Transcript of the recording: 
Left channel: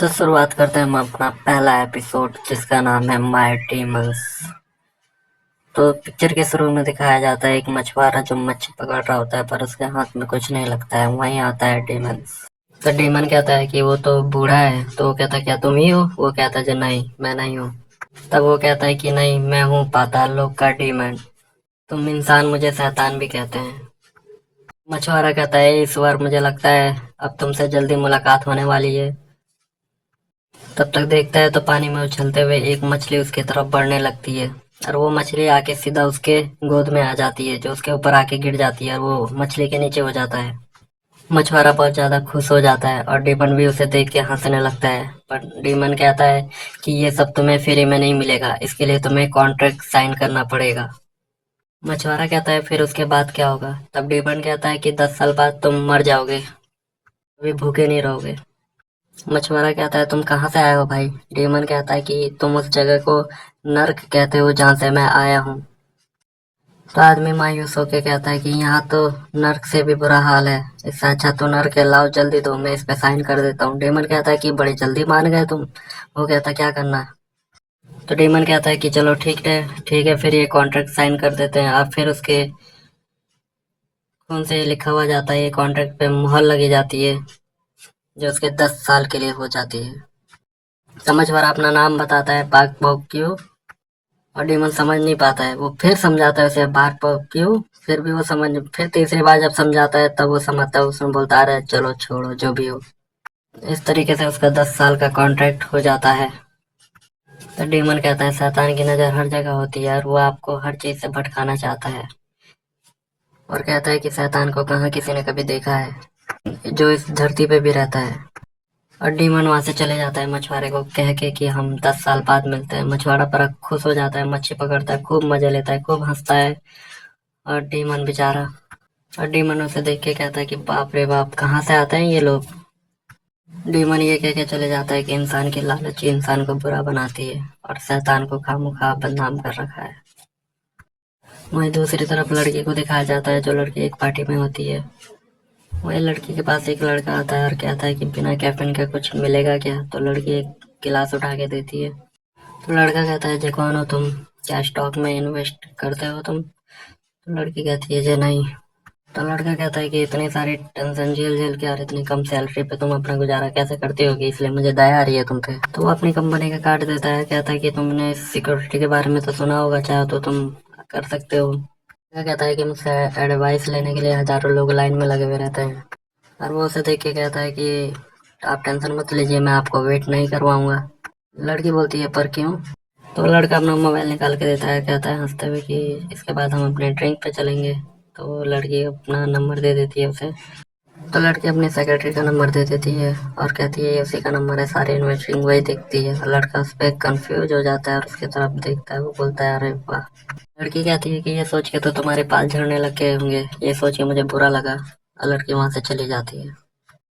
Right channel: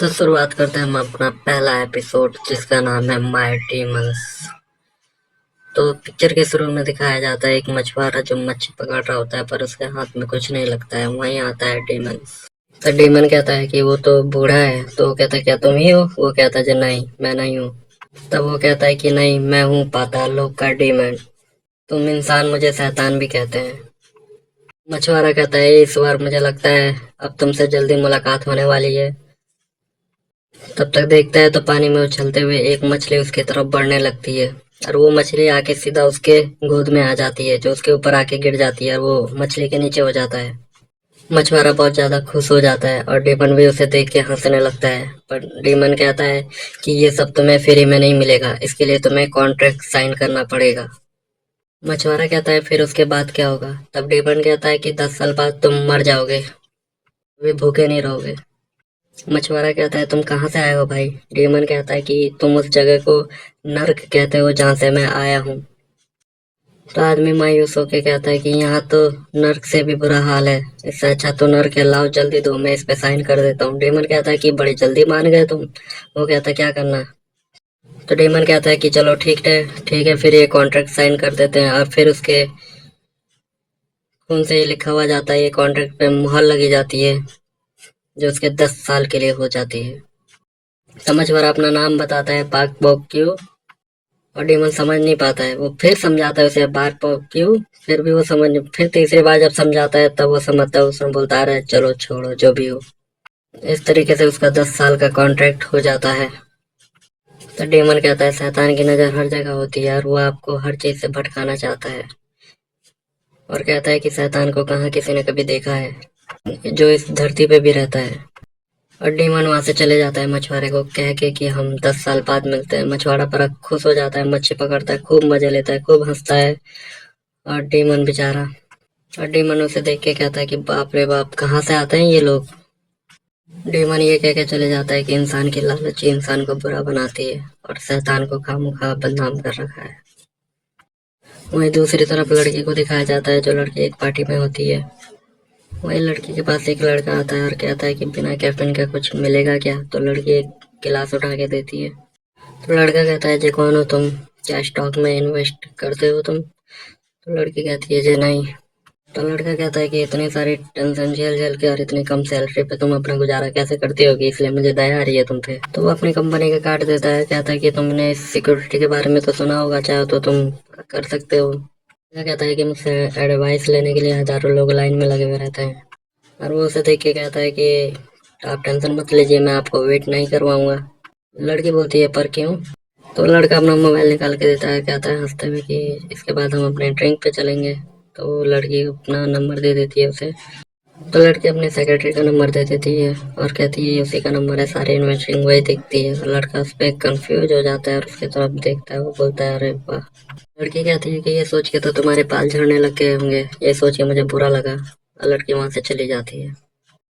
तो शुरुआत करते हैं हम अपना पहला एपिसोड जिसका नाम है माय डीमंस। तो पिक्चर के शुरू में दिखाया जाता है एक मछुआरा जो मच्छी पकड़ रहा होता है पर उसके हाथ में कुछ नहीं लगता है। वहीं आता है डीमंस। तो डीमन कहता है कि वो तो बूढ़ा है। तो वो कहता है क्या तुम ही हो? वो कहता है जी नहीं, मैं नहीं हूँ। तब वो कहता है कि नहीं, मैं हूँ पाताल लोक का डीमन। तुम इंसान मुझे शैतान भी कहते हैं। मछुआरा कहता है इस बार मुझे लगता है अब तुमसे जल्दी मुलाकात होने वाली है। तब तक देखता है तो पानी में उछलते हुए एक मछली उसकी तरफ बढ़ने लगती है और वो मछली आके सीधा उसके गोद में आ जाती है, जो उसके ऊपर आके गिर जाती है और वो मछली के नीचे हो जाता है। मछुआरा बहुत ज्यादा खुश हो जाता है और डीमन भी उसे देख के हंसने लगता है। पर डीमन कहता है कि ये सब तुम्हें फ्री में नहीं मिलेगा, इसके लिए तुम्हें कॉन्ट्रैक्ट साइन करना पड़ेगा। मछुआरा कहता है फिर उसके बाद क्या होगा? तब डीमन कहता है कि 10 साल बाद तुम मर जाओगे, वे भूखे नहीं रहोगे। मछुआरा कहता है तुम कहाँ से आए हो भाई? डीमन कहता है कि तुम उस जगह को नर्क कहते हो जहाँ से मैं आया हूँ। तो आदमी मायूस होके कहता है कि यहाँ तो नर्क से भी बुरा हाल है, इससे अच्छा तो नर्क है, लाओ जल्दी दो, मैं इस पे साइन कर देता हूँ। डीमन कहता है कि बड़ी जल्दी मान गए तुम। वो कहता है क्या करना है? तो डीमन कहता है कि चलो ठीक है, ठीक है, फिर ये कॉन्ट्रैक्ट साइन कर देते हैं। और फिर उसके खून से ये लिखा हुआ जाता है, ये कॉन्ट्रैक्ट पे मुहर लगी जाती है जो उसके 10 साल के लिए हो जाती है। समझ भर अपना नाम बताता है, पाक पॉक क्यू। और डेमन समझ नहीं पाता है। वो फिर समझाता है उसे बार पर क्यों, फिर भी वो समझ, फिर तीसरी बार जब समझाता है तब वो समझता है। उसमें बोलता है चलो छोड़ो जो भी हो। इस तरीके से उसका 10 साल का कॉन्ट्रैक्ट हो जाता है। तो डेमन कहता है शैतान की नजर हर जगह होती है और वो आपको हर चीज से भटकाना चाहता है। और कहता है कि शैतान को कहाँ किसी ने कभी देखा है जो इस धरती पे भी रहता है। और डीमन वहां से चले जाता है मछुआरे को कह के कि हम 10 साल बाद मिलते हैं। मछुआरा पर खुश हो जाता है, मच्छी पकड़ता है, खूब मजा लेता है, खूब हंसता है। और डीमन बेचारा, और डीमन उसे देख के कहता है कि बाप रे बाप, कहाँ से आते हैं ये लोग? डीमन ये कह के चले जाता है कि इंसान की लालच ही इंसान को बुरा बनाती है और शैतान को खामखा बदनाम कर रखा है। वहीं दूसरी तरफ लड़की को दिखाया जाता है जो लड़की एक पार्टी में होती है। वही लड़की के पास एक लड़का आता है और कहता है कि बिना कैफीन का कुछ मिलेगा क्या? तो लड़की एक गिलास उठा के देती है। तो लड़का कहता है जी कौन हो तुम? क्या स्टॉक में इन्वेस्ट करते हो तुम? तो लड़की कहती है जी नहीं। तो लड़का कहता है कि इतनी सारी टेंशन झेल झेल के और इतनी कम सैलरी पे तुम अपना गुजारा कैसे करते होगे, इसलिए मुझे दया आ रही है तुम पे। तो वो अपनी कंपनी का कार्ड देता है, कहता है कि तुमने सिक्योरिटी के बारे में तो सुना होगा, चाहो तो तुम कर सकते हो। क्या कहता है कि मुझसे एडवाइस लेने के लिए हजारों लोग लाइन में लगे हुए रहते हैं। और वो उसे देख के कहता है कि आप टेंशन मत लीजिए, मैं आपको वेट नहीं करवाऊंगा। लड़की बोलती है पर क्यों? तो लड़का अपना मोबाइल निकाल के देता है, कहता है हंसते हुए कि इसके बाद हम अपने ड्रिंक पे चलेंगे। तो वो लड़की अपना नंबर दे देती है उसे। तो लड़की अपनी सेक्रेटरी का नंबर दे देती है और कहती है ये उसी का नंबर है, सारे इन्वेस्टिंग वही देखती है। और लड़का उस पर कंफ्यूज हो जाता है और उसकी तरफ देखता है। वो बोलता है अरे वाह। लड़की कहती है कि ये सोच के तो तुम्हारे बाल झड़ने लग गए होंगे, ये सोच के मुझे बुरा लगा। और लड़की वहां से चली जाती है।